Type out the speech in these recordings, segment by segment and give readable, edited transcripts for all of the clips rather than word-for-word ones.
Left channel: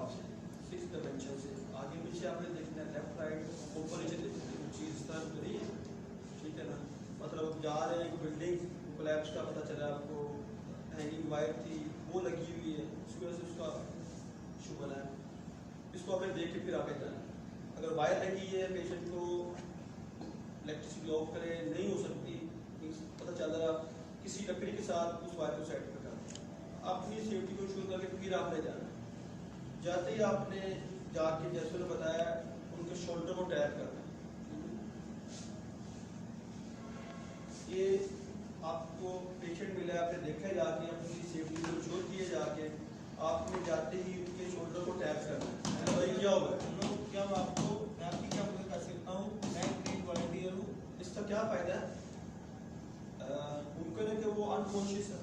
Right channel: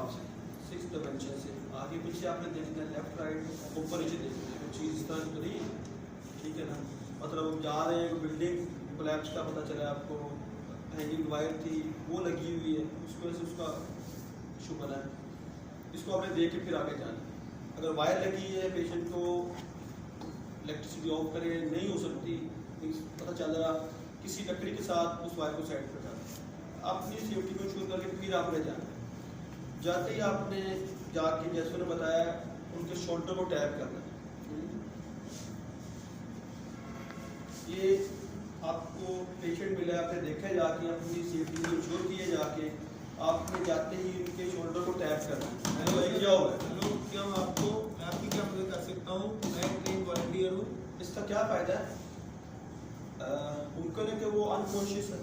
हिसाब से 6 डायमेंशन से आगे पीछे आपने देखना है, लेफ्ट राइट ऊपर नीचे देखना है, चीज़ इस तरह करी, ठीक है ना। मतलब हम जा रहे हैं, बिल्डिंग कोलैप्स का पता चला आपको, हैंगिंग वायर थी वो लगी हुई है, उसकी वजह से उसका इशू बना है, इसको आपने देख के फिर आगे जाना। अगर वायर लगी है, पेशेंट को इलेक्ट्रिसिटी ऑफ करे नहीं हो सकती, पता चल रहा किसी लकड़ी के साथ उस वायर को साइड पर कर अपनी सेफ्टी को इंश्योर करके फिर आपने जाना है। जाते ही आपने जाके जैसे उन्होंने बताया उनके शोल्डर को टैप करना है। ये आपको पेशेंट मिला है, आपने देखा है, जाके अपनी सेफ्टी को इंश्योर किए, जाके आपने जाते ही उनके शोल्डर को टैप करना है। हेलो, क्या होगा? हेलो, क्या मैं आपकी क्या मदद कर सकता हूँ? मैं ट्रेन वॉलंटियर हूँ। इसका क्या फ़ायदा है? मुमकिन है कि वो अनकॉन्शियस है,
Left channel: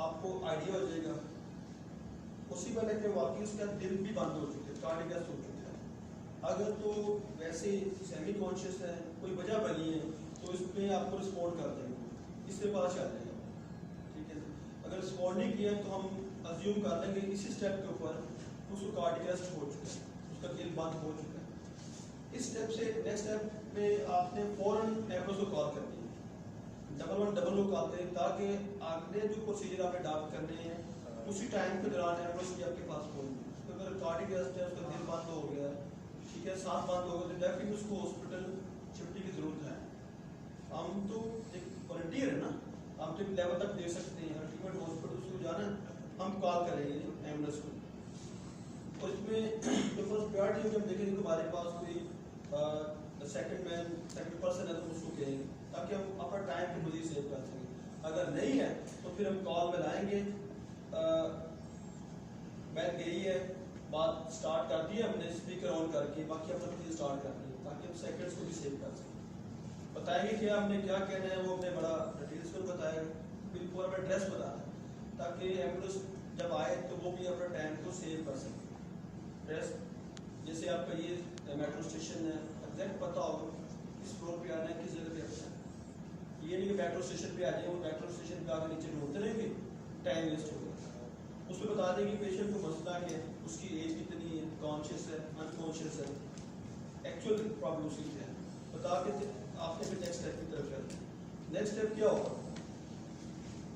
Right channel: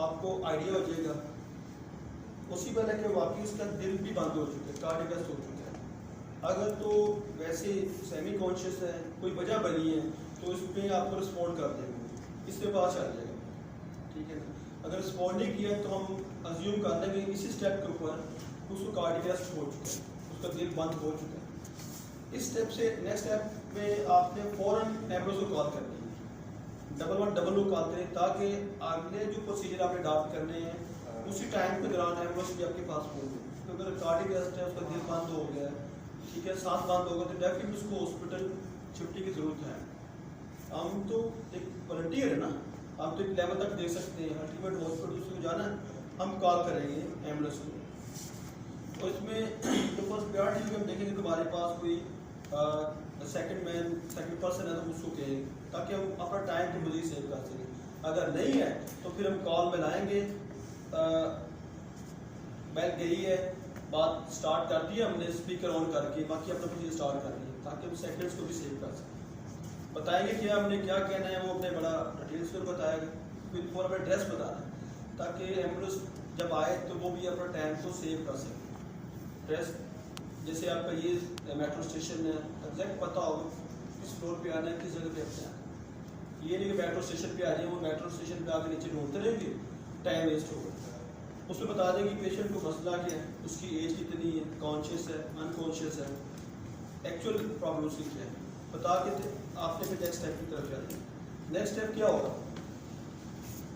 आपको आइडिया हो जाएगा उसी पर है कि वाकई उसका दिल भी बंद हो चुका है, कार्डियक अरेस्ट हो चुका है। अगर तो वैसे सेमी कॉन्शियस है, कोई वजह बनी है, तो इसमें आपको रिस्पॉन्ड कर देंगे, इससे पता चल जाएगा, ठीक है ना। अगर रिस्पॉन्ड नहीं किया तो हम अज्यूम कर देंगे इसी स्टेप के ऊपर उसको कार्डियक अरेस्ट हो चुका है, उसका दिल बंद हो चुका है। इस स्टेप से नेक्स्ट स्टेप में आपने फ़ौरन एम्बुलेंस को कॉल करनी है, 111 कॉल करें, ताकि आगे जो प्रोसीजर आपने अडॉप्ट करने हैं उसी टाइम के दौरान एम्बुलेंस भी आपके पास पहुंच गई। तो अगर कार्डियक अरेस्ट है, उसका दिल बंद हो गया, ठीक है, सांस बंद हो गया, तो डेफिनेटली उसको हॉस्पिटल शिफ्टिंग की ज़रूरत है। हम तो एक वॉलंटियर है ना, हम तो एक लेवल तक दे सकते हैं, अल्टीमेट हॉस्पिटल उसको जाना हम कॉल करेंगे एम्बुलेंस को। तो इसमें जो फर्स्ट प्रायोरिटी होगी, हम देखेंगे कि हमारे पास कोई सेकंड पर्सन है, उसको कहेंगे ताकि हम अपना टाइम को मज़ीद सेव कर सकें। अगर नहीं है तो फिर हम कॉल मिलाएंगे, बैल गई है, बात स्टार्ट कर दी हमने स्पीकर ऑन करके, बाकी अपना प्रोसीजर स्टार्ट कर दिया ताकि हम सेकंड्स को भी सेव कर सकें। बताएंगे कि हमने क्या कहना है, वो अपने बड़ा डिटेल्स में बताएगा, फिर पूरा अपना एड्रेस बताना है ताकि एम्बुलेंस जब आए तो वो भी अपना टाइम को सेव कर सके। एड्रेस जैसे आपका ये मेट्रो स्टेशन है, एग्जैक्ट पता होगा किस फ्लोर पे आना है, किस जगह पे आना है। ये नहीं कि मेट्रो स्टेशन पे आ जाए, वो मेट्रो स्टेशन पे आगे नीचे ढूंढते रहेंगे, टाइम वेस्ट होगा। उसमें बता दें कि पेशेंट को मसला क्या है, उसकी एज कितनी है, कॉन्शियस है, अनकॉन्शियस है, एक्चुअल प्रॉब्लम उसकी क्या है, बता के आपने फिर नेक्स्ट स्टेप की तरफ जाना है। नेक्स्ट स्टेप क्या होगा?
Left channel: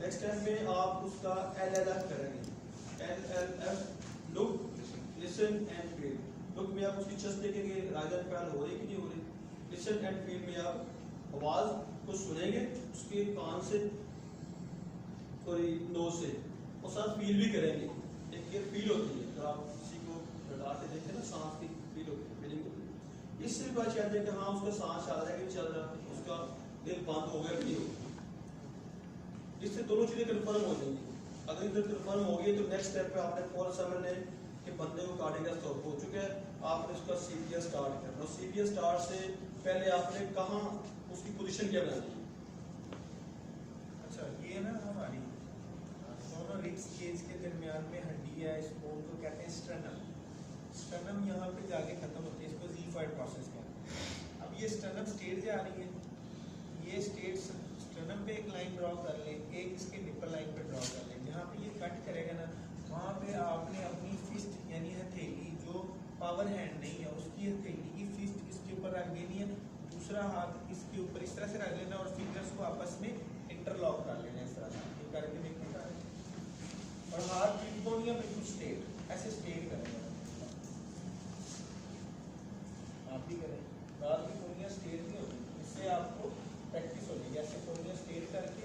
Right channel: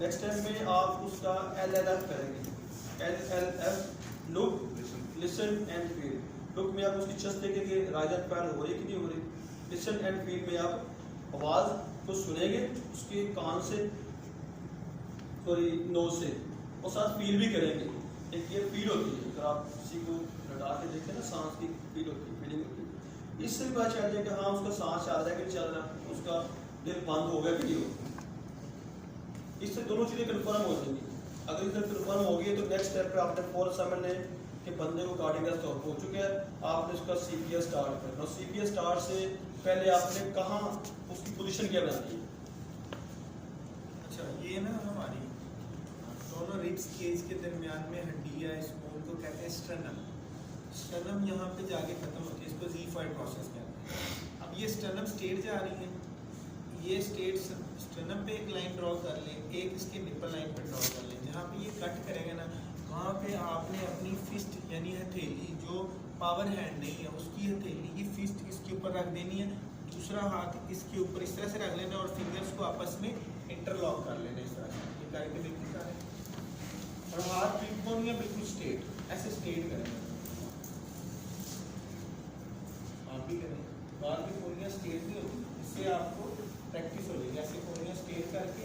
नेक्स्ट स्टेप में आप उसका LLF करेंगे। LLF look, listen and feel. Look में आप उसकी चेस्ट देखेंगे, राइज एंड फॉल हो रही कि नहीं हो रही। लिसन एंड फील में आप आवाज़ को सुनेंगे उसके कान से, सॉरी नोज से, और साथ फील भी करेंगे। एक ये फील होती है, अगर आप किसी को लटा के देखें ना, सांस की फील होती है, फीलिंग होती है। इससे भी पता चल जाए कि हाँ उसका सांस चल रहा है कि नहीं चल रहा, उसका दिल बंद हो गया कि नहीं हो। इससे दोनों चीज़ें कन्फर्म हो जाएंगी। अगर इधर कन्फर्म हो गई तो नेक्स्ट स्टेप पे आपने फौरन समझ लें कि बंदे को कार्डियक अरेस्ट हो चुका है, आपने उसका CPR स्टार्ट करना। CPR स्टार्ट से पहले आपने कहाँ उसकी पोजीशन क्या बनानी है? अच्छा, ये ना हमारी दोनों रिब्स केज के दरमियान में हड्डी है, इस बोन को कहते हैं स्टर्नम। स्टर्नम यहाँ पे जाके खत्म होती है, इसको ज़ीफाइड प्रोसेस कहते हैं। अब ये स्टर्नम स्टेट जा रही है, ये स्टेट स्टर्नम पे एक लाइन ड्रॉ कर ले, एक इसके निप्पल लाइन पे ड्रॉ कर ले। जहाँ पे ये कट करेगा ना, वहाँ पे आपने अपनी फिस्ट यानी हथेली, जो पावर हैंड नहीं है उसकी हथेली की फिस्ट इसके ऊपर रख देनी है, दूसरा हाथ इसके ऊपर इस तरह से रख लेना और फिंगर्स को आपस में इंटरलॉक कर लेना इस तरह से करके देखिए, और हाथ बिल्कुल या बिल्कुल स्ट्रेट, ऐसे स्ट्रेट करेंगे। आप भी करें, बाल में कोनिया स्ट्रेट नहीं होगी, इससे आपको प्रैक्टिस हो जाएगी। ऐसे कोनिया स्ट्रेट करके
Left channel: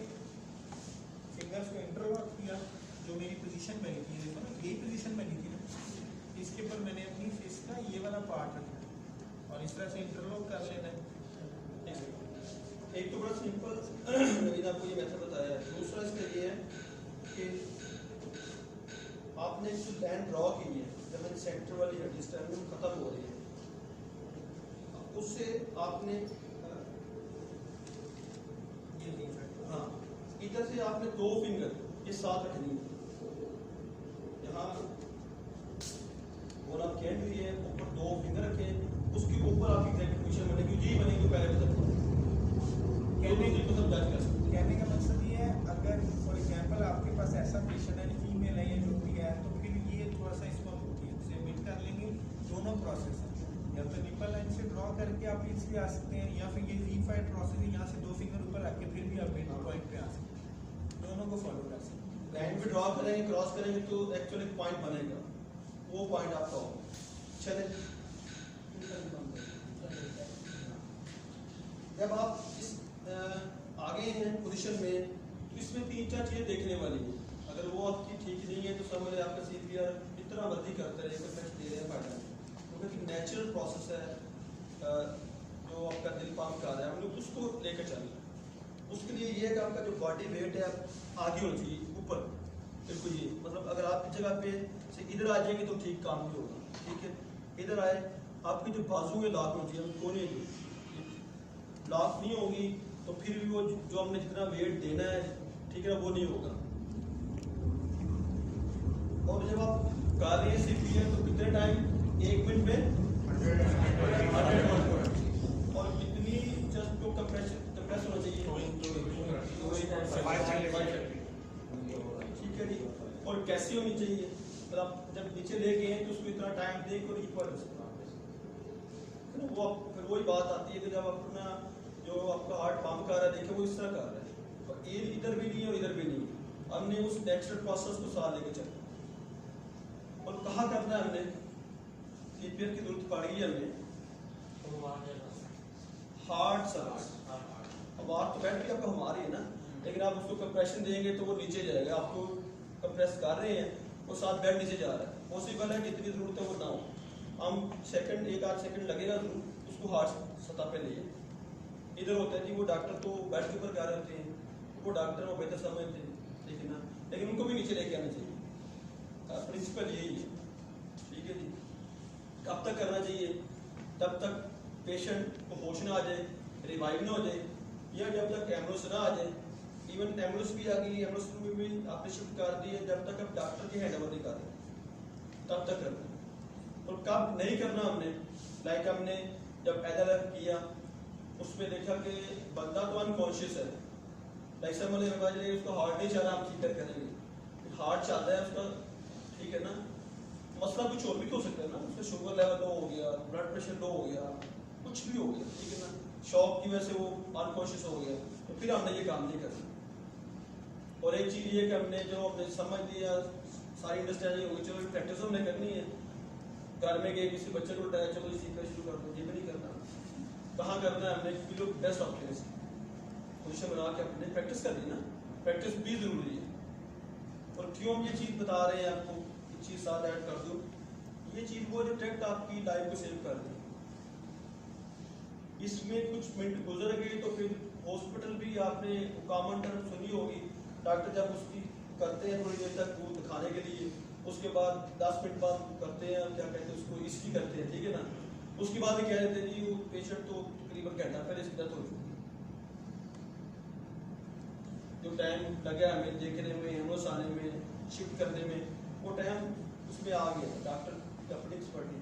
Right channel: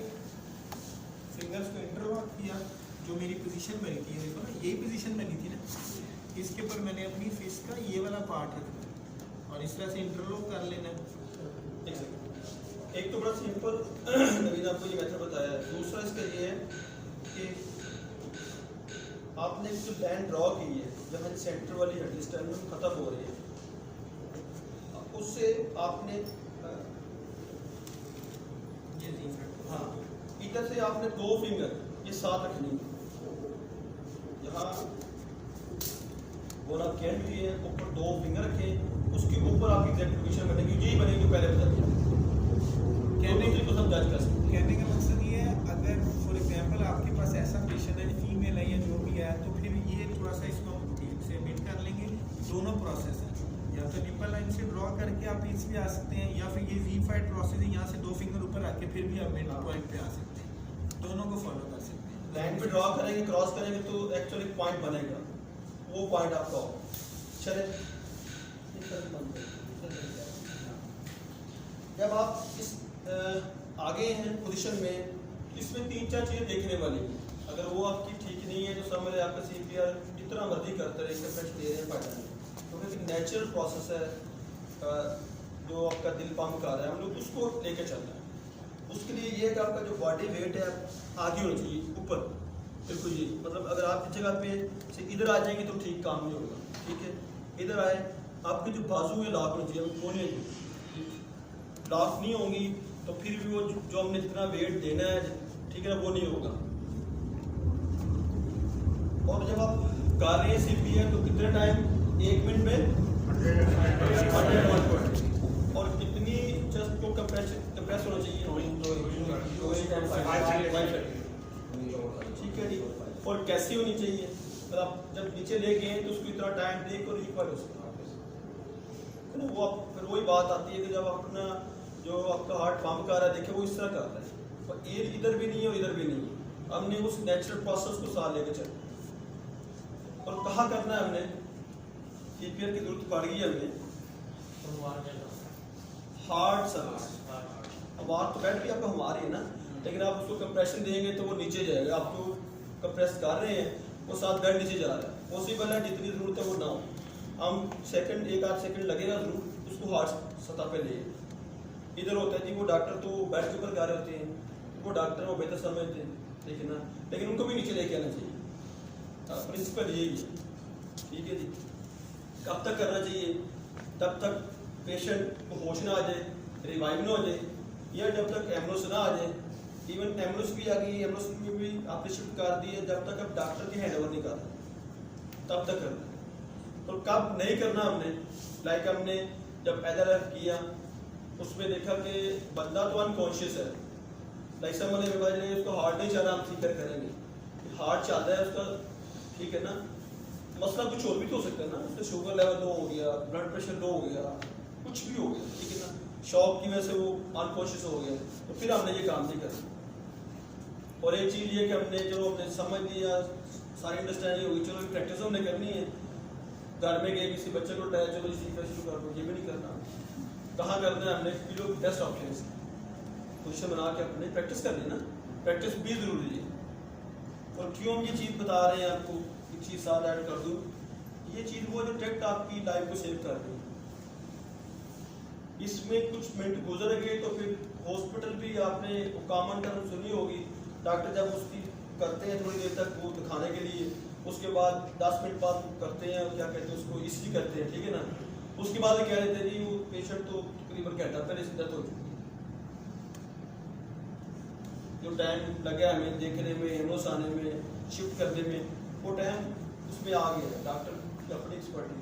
फिंगर्स को इंटरलॉक किया, जो मेरी पोजीशन बनी थी, देखो ना यही पोजीशन बनी थी ना, इसके ऊपर मैंने अपनी फिस्ट का ये वाला पार्ट रखा और इस तरह से इंटरलॉक कर लेना। एक तो बड़ा सिंपल नवीन आपको ये मेथड बताया है। दूसरा इसका ये है कि आपने जो लाइन ड्रॉ की है, जहाँ सेंटर वाली हड्डी स्टर्नम खत्म हो रही है, उससे आपने हाँ इधर से आपने 2 फिंगर ये साथ रखनी है, यहाँ और आप कैंड हुई है, ऊपर 2 फिंगर रखे, उसके ऊपर आपकी एग्जैक्ट पोजीशन बनेगी, यही बनेगी जो पहले बता दी। कहने का मकसद ये है, अगर फॉर एग्जांपल आपके पास ऐसा पेशेंट है, फीमेल है या जो भी है, तो फिर ये थोड़ा सा इसको ठीक से भी आप मिड हाँ। पॉइंट पे आ सकते हैं, दोनों को फॉलो कर सकते हैं। लाइन पे ड्रॉ करेंगे, क्रॉस करेंगे तो एक्चुअली पॉइंट बनेगा, वो पॉइंट आपका होगा। चले, जब आप इस आगे हैं पोजीशन में, तो इसमें 3-4 चीज़ें देखने वाली हैं। अगर वो आपकी ठीक नहीं है तो समझ लें आपका CPR जितना मर्जी करते रहे, कंप्रेशन दे रहे हैं, फायदा नहीं, क्योंकि एक नेचुरल प्रोसेस है। जो आपका दिल पंप कर रहा है, हम लोग उसको लेके चल रहे हैं। उसके लिए ये है कि आपका जो बॉडी वेट है आगे होना चाहिए, ऊपर बिल्कुल। ये मतलब अगर आप इस जगह पे से इधर आ जाएंगे तो ठीक काम नहीं होगा, ठीक है। इधर आए, आपके जो बाजू है लॉक होना चाहिए, कोने लॉक नहीं होंगी तो फिर भी वो जो हमने जितना वेट देना है, ठीक है ना, वो नहीं होगा। और जब आप कर रहे हैं CPR तो कितने टाइम, 1 मिनट में 100 और कितनी चेस्ट को कंप्रेस होना चाहिए, ठीक है जी। और कैसे होनी चाहिए, मतलब जब नीचे ले गए तो उसको इतना टाइम दे और इक्वल हो सकता है। वो फिर वही बात आती है कि जब अपना जो आपका हार्ट पंप कर रहा है, देखिए वो इस तरह कर रहा है, और ये इधर भी नहीं है और इधर भी नहीं है। हमने उस नेचुरल प्रोसेस को साथ लेके चलना और कहाँ करना है। हमने CPR की जरूरत पड़ गई हमें हार्ट सर्विस। हमारा तो बैठ भी आपका हमारी है ना, लेकिन आप उसको कंप्रेशन देंगे तो वो नीचे जाएगा। आपको कंप्रेस कर रहे हैं, वो साथ बेड नीचे जा रहा है। पॉसिबल है जितनी जरूरत है वो ना हो, हम सेकंड 1-8 सेकंड लगेगा जरूर उसको हार्ट सतह पे ले। इधर होता है जी, वो डॉक्टर तो बेड के ऊपर गा रहे होते हैं, वो डॉक्टर वो बेहतर समझते हैं, लेकिन उनको भी नीचे लेके आना चाहिए। प्रिंसिपल यही है, ठीक है जी। कब तक करना चाहिए, तब तक पेशेंट को होश ना आ जाए, रिवाइव ना हो जाए, या जब तक एम्बुलेंस ना आ जाए। इवन एम्बुलेंस भी आ गई, एम्बुलेंस में भी आपने शिफ्ट कर दी है, जब तक अब डॉक्टर की हैंड ओवर नहीं कर रहा तब तक करना है। तो कब नहीं करना हमने, लाइक हमने जब LLF किया उसमें देखा कि बंदा तो अनकॉन्शियस है, लाइक समझ ने उसको हार्ट नहीं चल रहा, हम फिक्र करेंगे हार्ट चल रहा है उसका, ठीक है ना। मसला कुछ और भी तो हो सकता है ना, उसका शुगर लेवल लो हो गया, ब्लड प्रेशर लो हो गया, कुछ भी हो गया, ठीक है ना। शॉक की वजह से वो अनकॉन्शियस हो गया, तो फिर हमने ये काम नहीं करना। और एक चीज़ ये कि हमने जो हमने समझ लिया, सारी अंडरस्टैंडिंग होगी, चलो प्रैक्टिस हमने करनी है। घर में गए किसी बच्चे को उठाया, चलो सीखना शुरू कर दो, ये भी नहीं करना। कहाँ करना है हमने, जो बेस्ट ऑप्शन पोजिशन बना के अपने प्रैक्टिस कर लेना। प्रैक्टिस भी जरूरी है। और क्यों हम ये चीज़ बता रहे हैं आपको, एक चीज़ साथ ऐड कर दूँ, ये चीज़ वो जो डायरेक्ट आपकी लाइफ को सेव कर रही है। इसमें कुछ मिनट गुजर गए तो फिर हॉस्पिटल भी आपने कॉमन टर्म सुनी होगी, डॉक्टर जब उसकी करते हैं थोड़ी देर तक वो दिखाने के लिए, उसके बाद 10 मिनट बाद करते हैं, क्या कहते हैं उसको, ECG करते हैं, ठीक है ना। उसके बाद कह रहे थे जी वो पेशेंट तो तकरीबन घंटा पहले से डेथ हो चुकी है। जो टाइम लगा हमें देखने में, एम्बुलेंस आने में, शिफ्ट करने में, वो टाइम उसमें आ गया। डॉक्टर की अपनी एक्सपर्टी,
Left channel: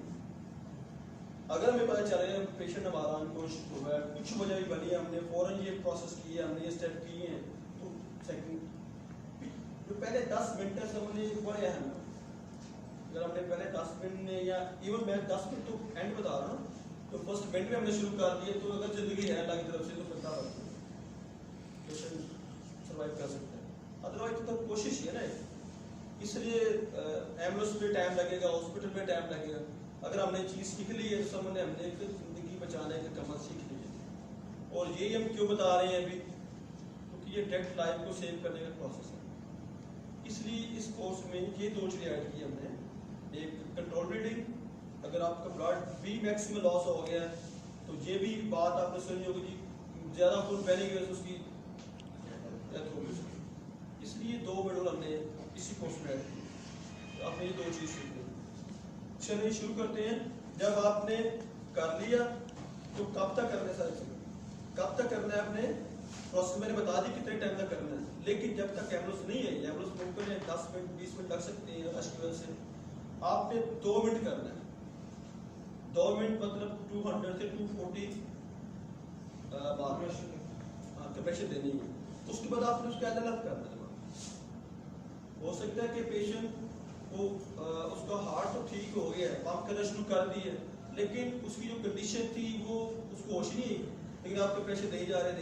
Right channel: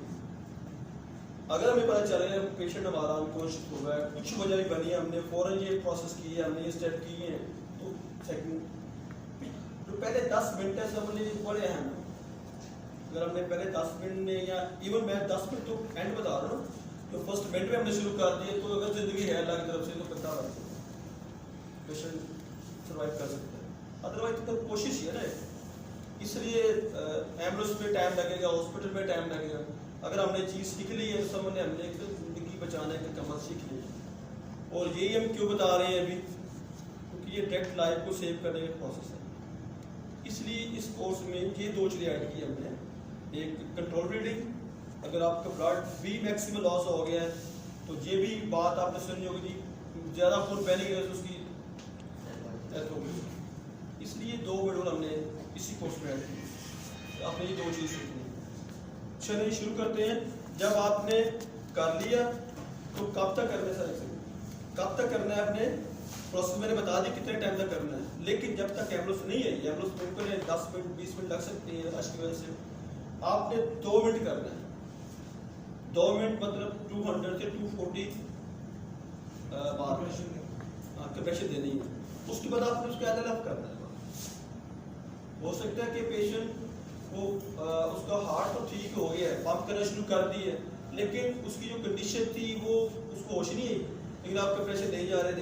अगर हमें पता चल रहा है पेशेंट हमारा अनकॉन्शियस हो रहा है, कुछ वजह नहीं बनी, हमने फौरन ये प्रोसेस की है, हमने ये स्टेप किए हैं, तो सेकंड जो पहले 10 मिनट है सब ने बड़े अहम है। अगर हमने पहले 10 मिनट में, या इवन मैं 10 मिनट तो एंड बता रहा हूँ, तो फर्स्ट मिनट में हमने शुरू कर दिए, तो अगर जिंदगी है अल्लाह की तरफ से तो पता पेशेंट सर्वाइव कर सकते हैं। अदरवाइज तो कोशिश ही है ना, इसलिए एम्बुलेंस में टाइम लगेगा, हॉस्पिटल में टाइम लगेगा। अगर हमने चीज़ सीख ली है तो समझ हमने एक जिंदगी बचाने का कमल सीख लिया। और यही हम क्यों बता रहे हैं अभी, क्योंकि ये डायरेक्ट लाइफ को सेव करने का प्रोसेस है। इसलिए इस कोर्स में ये 2 चीज़ें ऐड की हमने, एक कंट्रोल ब्लीडिंग, अगर आपका ब्लड भी मैक्सिमम लॉस हो गया है तो ये भी बात आपने सुनी होगी जी, ज़्यादा खून बहने की वजह से उसकी डेथ होगी। इसलिए 2 शेड्यूल हमने इसी कोर्स में ऐड किए। आपने ये 2 चीज़ सीखनी। चलिए शुरू करते हैं। जब आपने कर लिया तो कब तक करना है, सारे कब तक करना है आपने प्रोसेस मैंने बता दी कितने टाइम तक करना है, लेकिन जब तक एम्बुलेंस नहीं आई, एम्बुलेंस बिल्कुल 10 मिनट 20 मिनट लग सकती है रश की वजह से, आपने 2 मिनट करना है। 2 मिनट मतलब 200 से 240 बार कंप्रेशन देनी है। उसके बाद आपने उसका LLF करना है। हो सकता है कि पेशेंट वो उसका हार्ट तो ठीक हो गया है, पंप करना शुरू कर दी है, लेकिन उसकी जो कंडीशन थी वो उसको होश नहीं आई, लेकिन आप कंप्रेशन दे जा रहे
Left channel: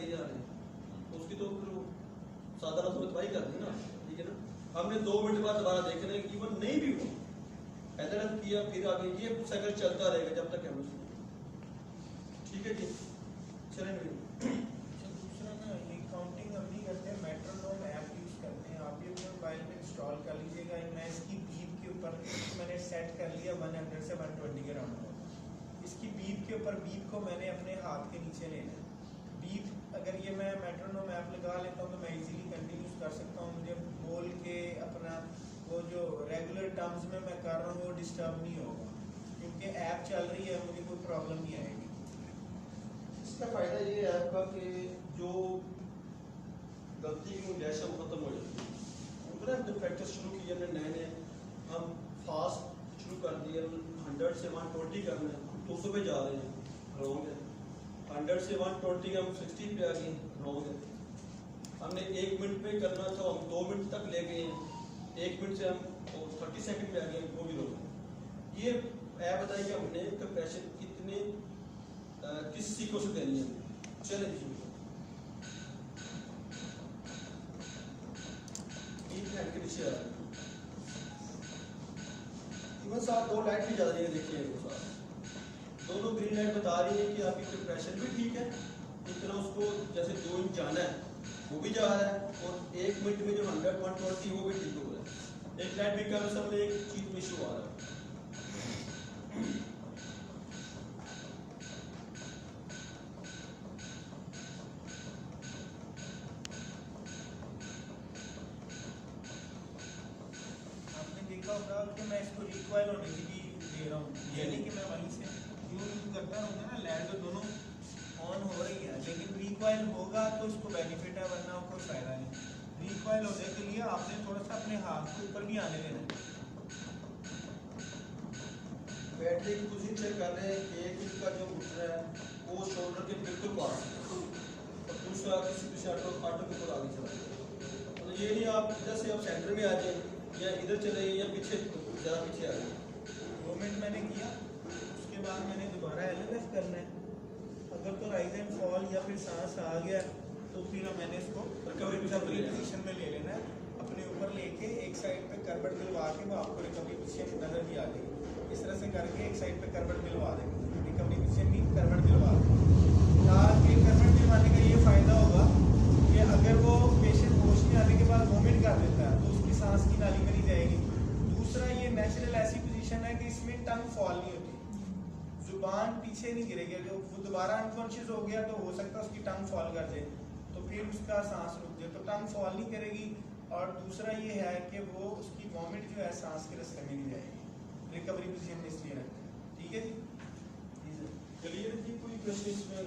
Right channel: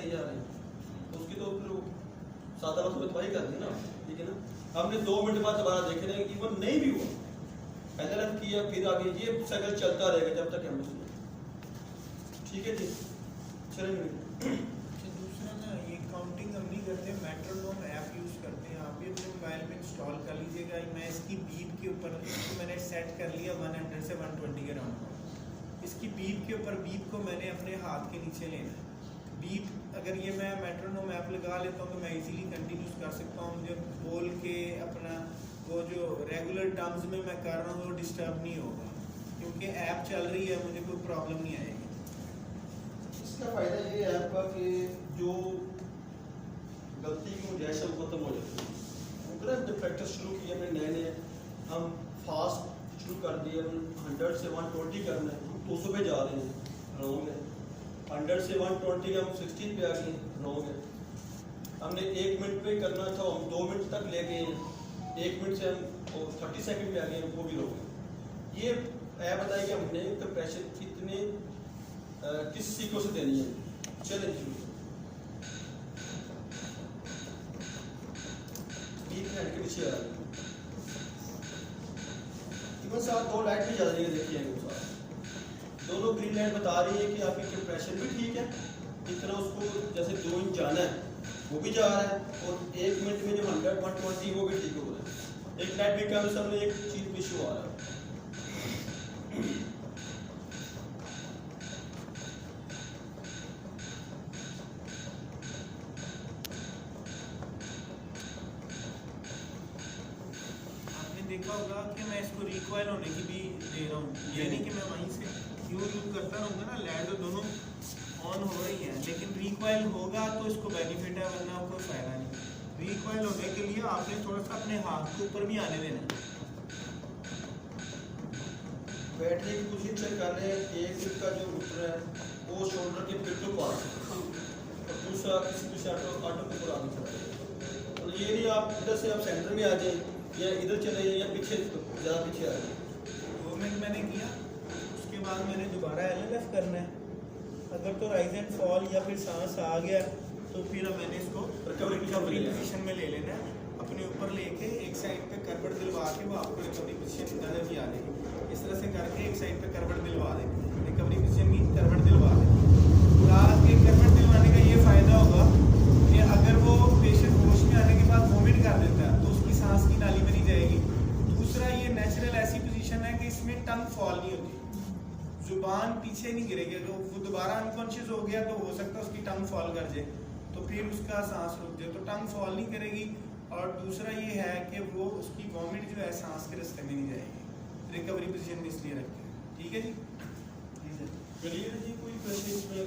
तो फिर 7 आना तो तबाही कर दी ना, ठीक है ना। हमने 2 मिनट बाद दोबारा देखे ना कि वो नहीं भी हुआ, एनएलएफ किया, फिर आगे ये साइकिल चलता रहेगा जब तक हम ठीक है जी। चलेंगे दूसरा ना ये काउंटिंग हम नहीं करते, मेट्रोनोम ऐप यूज़ करते हैं। आप भी अपने मोबाइल में इंस्टॉल कर लीजिएगा। मैं इसकी बीप के ऊपर इसको मैंने सेट कर लिया 100 से 120 के राउंड। इसकी बीप के ऊपर बीप को मैंने अपने हाथ के नीचे लेना है। बीप अगर ये मैं मेट्रोनोम ऐप लगा लेता हूँ तो मैं इजीली कंटिन्यूस कर सकता हूँ। मुझे बोल के अपना वो जो रेगुलर टर्म्स में मैं कर रहा हूँ वो डिस्टर्ब नहीं होगा, क्योंकि ऐप चल रही है, मुझे कोई प्रॉब्लम नहीं आएगी। इसका फायदा ये है आपका कि जो गलती की गुंजाइश है वो खत्म हो जाती है। जब प्रैक्टिस शुरू की हमने नए हम फास्ट शुरू कर दिए, 100 से 120 करना है, हम 200 पे जा रहे हैं, रॉन्ग है। 100 से 120 हम 60 पे आ गए, रॉन्ग है। हमने 1 मिनट पे करना था, हम 2 मिनट तक ले गए हैं, 1 मिनट से हम 30 सेकंड में आ गए हैं, वो भी रॉन्ग है। ये ऐप बताइए कि हमने कंप्रेशन कितने किस सीखों से देनी है। चलें शुरू के नीचे आ रही है। इवन साहब 2 लाइट भी जा रही है, देखिए दोनों ग्रीन लाइट बता रही है कि आपकी कंप्रेशन भी ठीक है, इतना उसको जैसे 2 इंच जाना है वो भी जा रहा है, और 1 मिनट में जो 100 120 वो भी ठीक हो रहा है। एक लाइट भी कम सामने एक चीज भी शो आ रहा है। देखा होगा कि मैं इसको रिकॉइल होने की भी दे रहा हूँ, यानी कि मैं वहीं से यूज करता रहूँगा ना। लाइट तो दोनों ऑन हो रही है, लेकिन रिकॉइल होगा तो इसको बेनिफिट है, वरना कोई फायदा नहीं। रिकॉइल होने के लिए आपने थोड़ा सा अपने हाथ के ऊपर भी आने देना है। बैटरी की पोजीशन चेक कर रहे हैं, एक इसका जो घुटना है वो शोल्डर के बिल्कुल पास है, दूसरा किसी भी सेंटर ऑफ काटो के ऊपर आगे चल रहा है। तो ये नहीं आप इधर से आप सेंटर में आ जाए या इधर चले या पीछे ज़्यादा पीछे आ जाए। 2 मिनट मैंने किया, उसके बाद मैंने दोबारा एलएलएफ करना है। अगर तो राइज एंड फॉल या फिर सांस आ गया तो फिर मैंने इसको रिकवरी पोजीशन में ले लेना है। अपने ऊपर लेके एक साइड पे करवट दिलवा के वो आपको रिकवरी पोजीशन नजर भी आ जाएगी। इस तरह से करके एक साइड पे करवट दिलवा देंगे, रिकवरी पोजीशन की करवट दिलवा देंगे। करवट दिलवाने का ये फायदा होगा कि अगर वो पेशेंट होश में आने के बाद वोमिट कर देता है तो उसकी सांस की नाली बनी जाएगी। दूसरा, ये नेचुरल ऐसी पोजीशन है कि इसमें टंग फॉल नहीं होती, जुबान पीछे नहीं गिरेगी। अगर वो दोबारा अनकॉन्शियस हो गया तो हो सकता है उसकी टंग फॉल कर जाए, तो फिर उसका सांस रुक जाए, तो टंग फॉल नहीं करेगी। और दूसरा ये है कि वो उसकी वॉमिट जो है सांस के रास्ते में नहीं जाएगी। रिकवरी पोजीशन में इसलिए रखते हैं। ठीक है जी, क्लियर जी, कोई क्वेश्चन इसमें?